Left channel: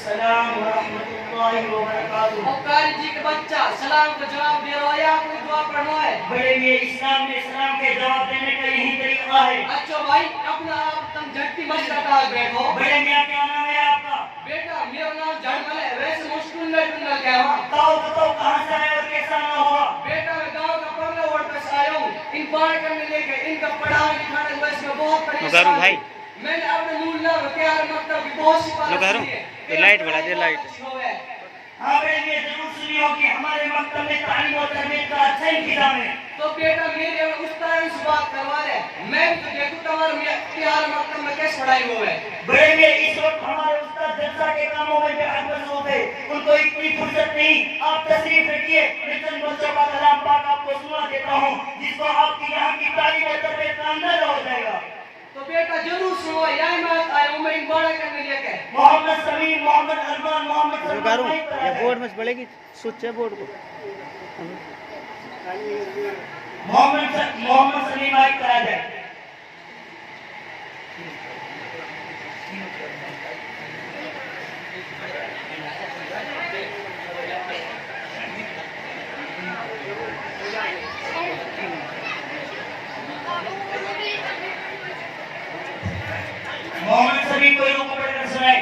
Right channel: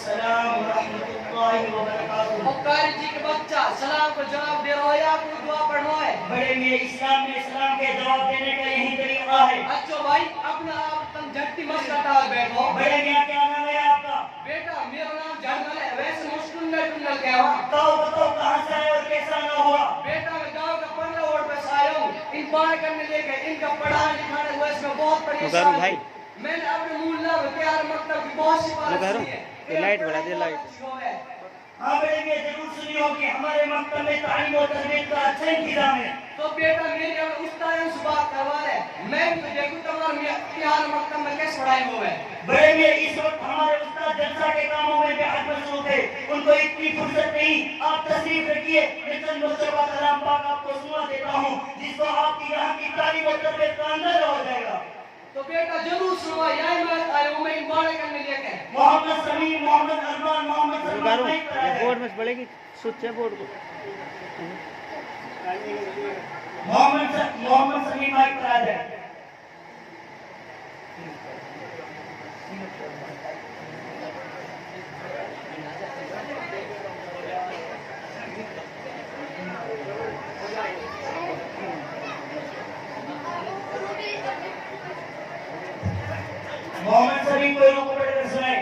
अस्सलाम रहमतुल्लाहि व बरकातुहू। और कारी जी के बच्चा सलाम को जवाब दे रहा है या कोई दुआ पढ़ना है? बड़े मियां इस्लाम में सलाम के जवाब देने का यही तरीका है। अच्छा भाई अपना आप तुम झटती मत कटा बैठो। बड़े मियां क्या नाम है आपका? बेटा मेरा नाम झटमल है, वैसे मुश्किल में टुंडल क्या हुआ? बताओ कहाँ से आए और कैसा ना हुआ? बेटा मैं गांव का पंगला वोट पर आया हूँ। इन बाढ़ करने लेकर इनका पढ़ाने लिखाने को इसमें बहुत परेशान भाई मैंने अपने मूल नाम तैयार मतलब की बहुत सिफारिश की है। तो लाइट बढ़ा दे लाइट। हाँ बेटे ये जरूर सुनी होगी हमारे मकतब में तालीम और तरबियत का अच्छा इंतजाम है। तो बेटा मेरे उस तरह से बात करवा रहे मैं तो देखूं तुम्हारे तिहार मकतब में कैसे पढ़ाई हुए है। बड़े मियां इस वक्त हमारे उस्ताद जलसा के कामों में बेहद मसरूफ है, उनको इतनी फुर्सत नहीं। आप तशरीफ रखिए, मैं चंद बच्चों का कलाम पाक आपको सुना देता हूँ जिसको आपकी यहाँ की तालीम और तरबियत का अंदाजा हो जाएगा। तो बेटा जरूर सुनो, यही मैं आया हूँ मैं इन बाढ़ करने लेकर। मोहम्मद समीर, मोहम्मद अरमान, मोहम्मद सलमान ये बोर्ड में बढ़ेगी सुच है बोर्ड को। मोहम्मद सलीम भाई करा जाए। मोहम्मद सलीम को रुको पढ़कर सुनाए।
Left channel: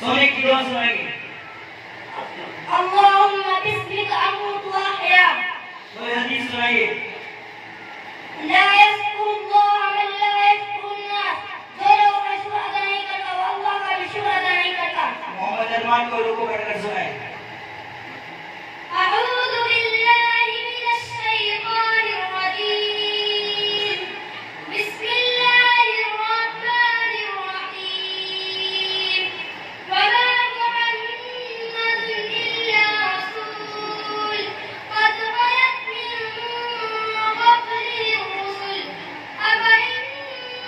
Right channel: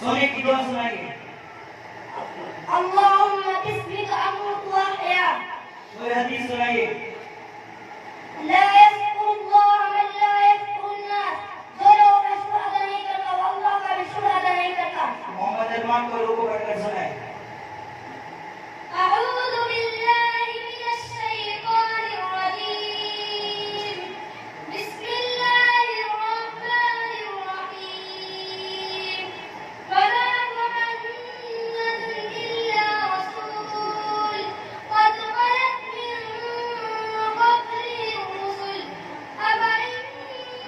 सोने की दुआ सुनाएंगे। अल्लाहुम्मा बिस्मिका अमूतु व अहया। कोई हदीस सुनाइए। ला यज़कुरुल्लाह मन ला यज़कुरुन्नास। जो लोग शुक्र अदा नहीं करता वो अल्लाह का भी शुक्र अदा नहीं करता। मोहम्मद अरमान को रुको पढ़कर सुनाए। अऊज़ु बिल्लाहि मिनश शैतानिर रजीम। बिस्मिल्लाहिर रहमानिर रहीम। वमा मुहम्मदुन इल्ला रसूल क़द ख़लत मिन क़ब्लिहि रुसूल अफ़इन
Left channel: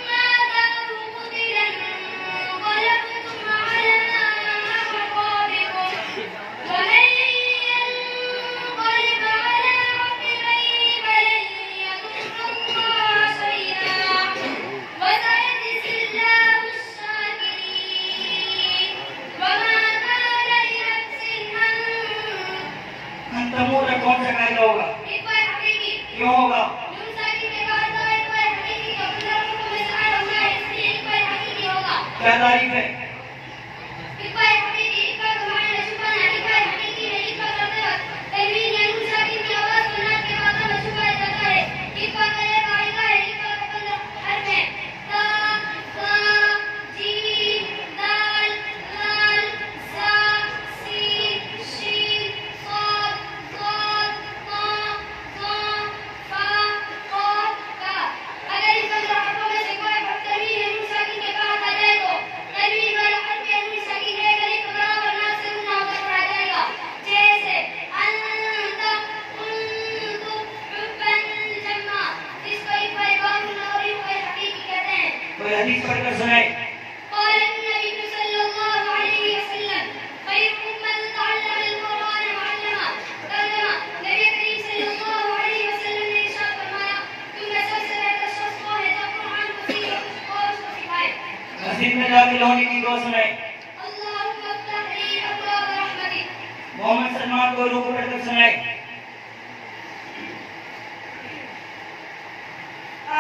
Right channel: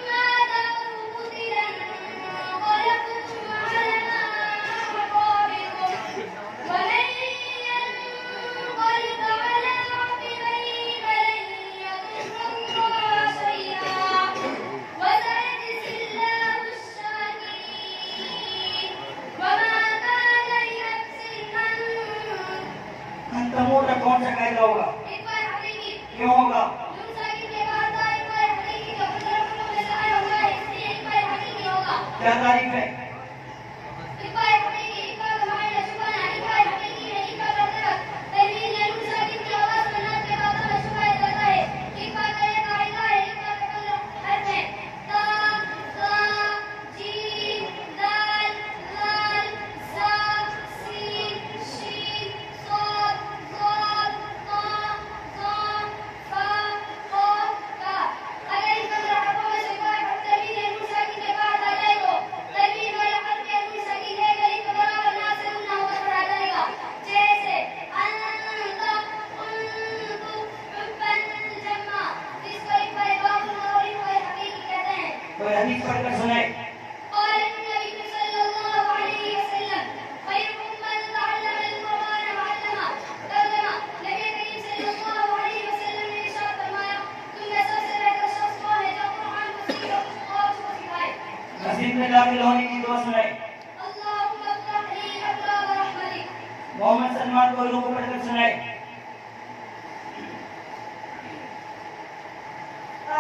माता अव क़ुतिला इंक़लबtum अला अअक़ाबिकुम वमन ينقلب على عقبيه فلن يضر الله شيئا وسيجزي الله الشاكرين وما كان لنفس अन तमूर में कौन सा कायदा होगा? इक़बाल हकीकी क्यों होगा? मुंसाकी के बाद तो इक़बाल हकीकी का मतलब में सारा हुआ है इसलिए इक़बाल हकीकी होगा। क्या तारीफ है? इक़बाल हकीकी इक़बाल का मायना छुपाना, इक़बाल हकीकी में इक़बाल का मतलब तनवीन या मुंसाकी की आवाज सुनने के बाद में छुपाया जाता है। इक़बाल का एक कायदा है, इक़बाल का मतलब हर्फ है का जीम दाल लाल सा सीन शीन साद ज़ाद ता ज़ा फा क़ाफ का। अगर इन हरफों में से कोई हर्फ तनवीन या मुंसाकी के बाद आ जाए तो तनवीन वाला हर्फ या मुंसाकी रहकर एक बराबर ना से ना होकर पढ़ा जाएगा। जैसे अंत कुंतु हुब्बन जम्मा, इसको इक़बाल बातिन और इक़बाल हकीकी कहते हैं। कोई हदीस पढ़कर सुनाए। قال النبي صلى الله عليه وسلم خيركم من تعلم القرآن وعلمه। तर्जुमा नबी करीम सल्लल्लाहु अलैहि वसल्लम ने इरशाद फरमाया तुम में सबसे बेहतर शख्स वो है जो कुरान को सीखे और उसको सिखाए। मस्जिद में दाखिल होने की दुआ सुनाए। अल्लाहुम्मा इफ्तह ली अबवाब रहमतिक। मोहम्मद सलमान को रुको पढ़कर सुनाए।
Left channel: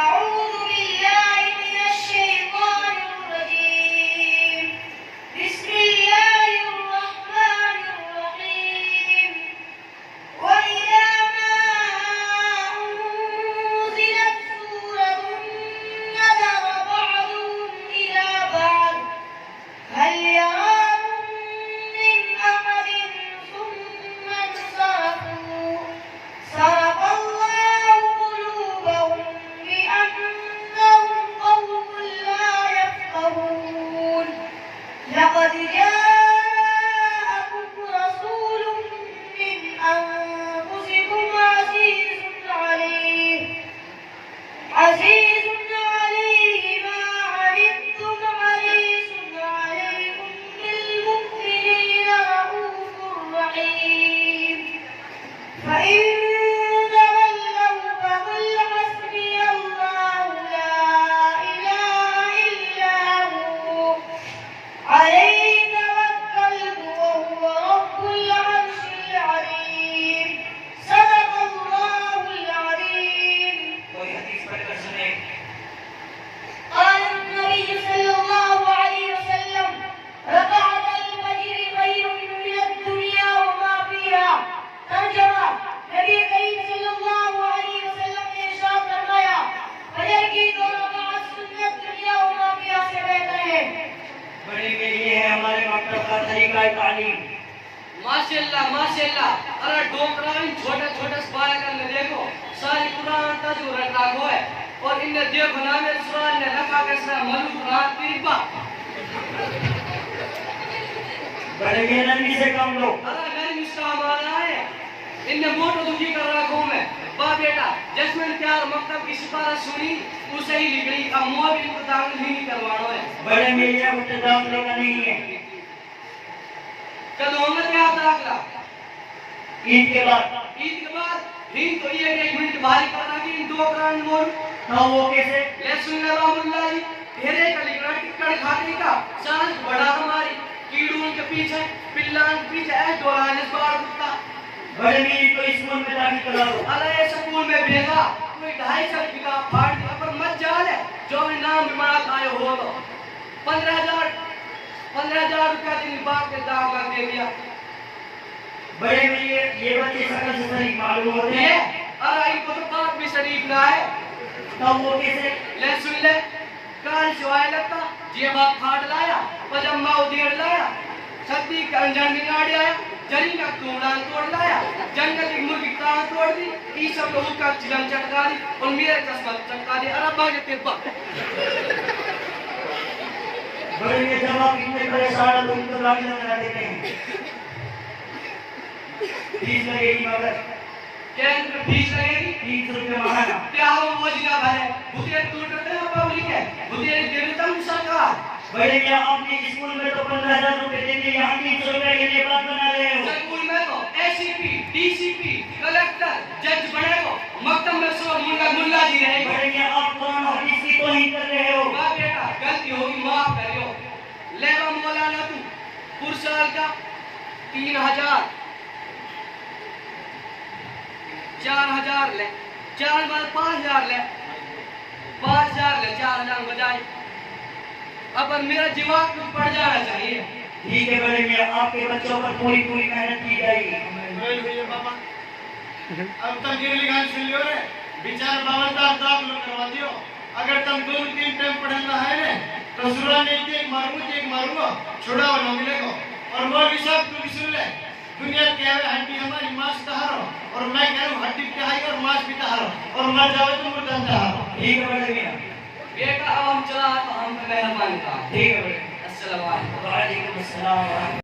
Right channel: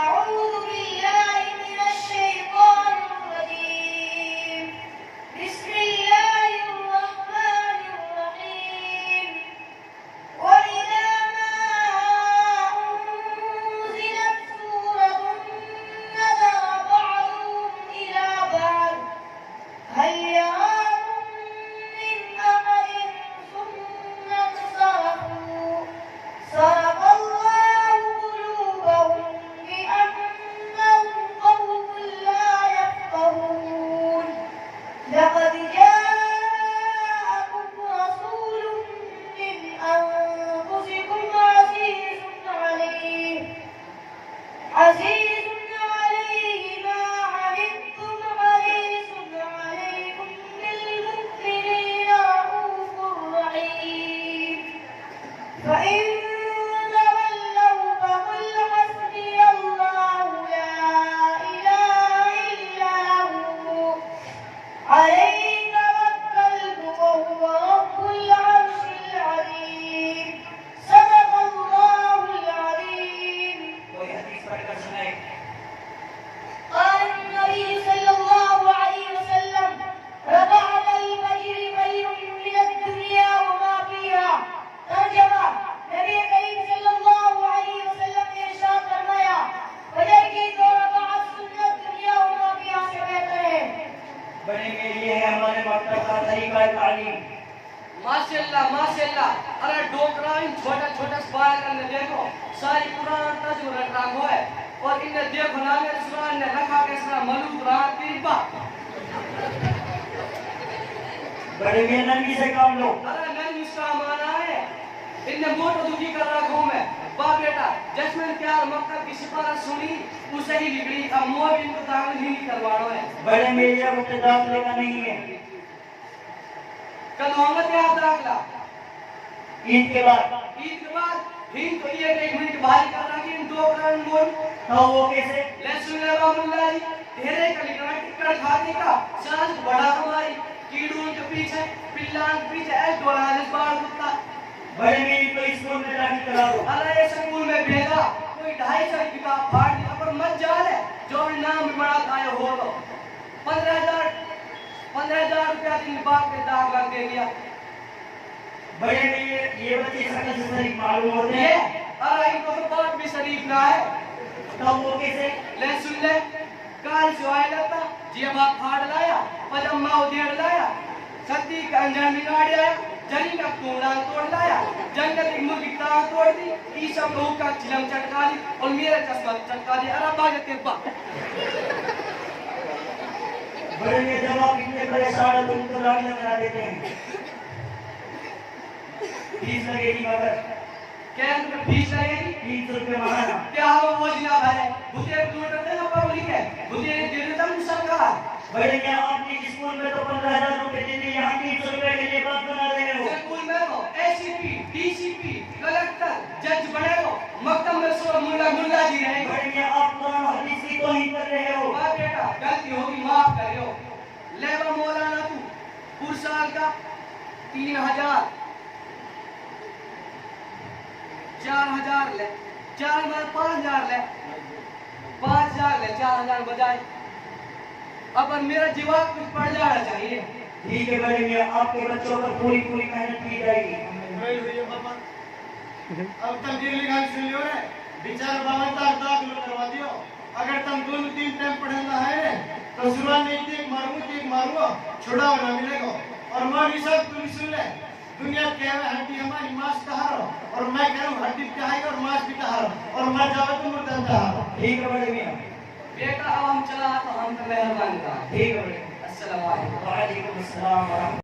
أعوذ بالله من الشيطان الرجيم. بسم الله الرحمن الرحيم. وإذا ما أنزلت سورة نظر بعضهم तालीम। माशाल्लाह माशाल्लाह। अरे डोकरा इन छोटे छोटे बालकन ने देखो सारी कुरान तजुर रखो है और इनने देखो ना मेरे सुरान ने रखा कैसा मलूक रात पीरबा। बड़े ये नरमी से काम लो। अरे नरमी मुस्कान आना है इनने मोटो दुखी कर रखो मैं बा बेटा जैस्मिन प्यार मकतब की सिफारिश सुनी उसे ही निकली अब मोर भी इनको दाखिल ही नहीं करवाना है। बड़े मेरे अब दाखिले का नहीं है। कल होंगे क्या दाखिला ईद के बाद हिंद तो ये 1 मिनट भारी करना कि इन 2 ग्रांड मोर हाँ वो कैसे ले सुन रहमुल्लाह जी तेरे का लिखना टिक्कर खाने का सांस बड़ा हमारी कीड़ों के पीछे पिल्लां के पीछे ऐ डोलाने बार कुत्ता। बड़े मेरी को स्कूल में दाखिल करा दो। अरे स्कूल में भेजा कोई 250 किताब फाड़ दिया पर मत जाल है जो भी नाम भी बड़ा खाए हो तो 15,000 रुपया दिन बाद के दाग लग दे दिया। बड़े मेरे ये बच्चे सकल से शरीफ मालूम होते ये हैं। अरे इनको तो बाप भी शरीफ ना है। तब वो कैसे ले सुन ले काल सिवाय लगता जे बाप फाड़ लाया पजम्मा उधेड़ लाया सद्दी का अंजन बिगाड़ आया जरी का तोड़ा तोड़ लाया जंगल की मुर्गी टांग तोड़ दी ई सब लोग का चिलम चटका दी और मेरे कसमत चटका दी। अरे बागे तेरपा बड़े ये जवाब इतने परेशान है तो इनको लाने लगा देते हैं। फीस लगेगी मगर क्या इनमें फीस लगेगी 30 रुपये महीना। क्या हो वो जिला भरे भूतिया टूट रहे हैं पब्लिक है भूतिया दे देता मुसाका। बड़े क्या आपने स्कूल में तो 15,000 रुपए देते यहाँ 300 रुपए के लिए बात बना रहे हो। स्कूल में तो एसीपी डीसीपी कलेक्टर जज बने हो मकतब में सो मुल्ला जी रहेंगे। बड़े क्या आप कुरान हदीस की तौहीन कर रहे हो। वाह बेटा गलती होगी माफ करियो। लेवा मौलाना तू पुरसाल का 3,000 4,000 ले 4 बार 5,000 ले 5,000 ले 4,000 बजाय अब मेरा जवाब कुछ पड़ जाना चाहिए। ठीक है बड़े मियां आपके बच्चों पर पूरी मेहनत की जाएगी। अब तक गिरली गाल सुन लियो रे बेचारा बावलदार दाखिल करवा दियो। अगर तुम 2-3 टाइम पढ़ना है ने तो सुरा नहीं एक मारूंगा छुड़ाओ ना मिलेगा। और मौलवी साहब तुम सुन ले दुनिया क्या है हड्डी हमारी मांस तहारो और मैं कह रहा हूं हड्डी तहाई और मांस भी तहारो और मर जाओ तुम मुर्दा तहारो। ठीक है बड़े मियां बेटा अब हम चला तो हम मेहरबानी था। ठीक है बड़े अस्सलाम वालेकुम। वालेकुम अस्सलाम।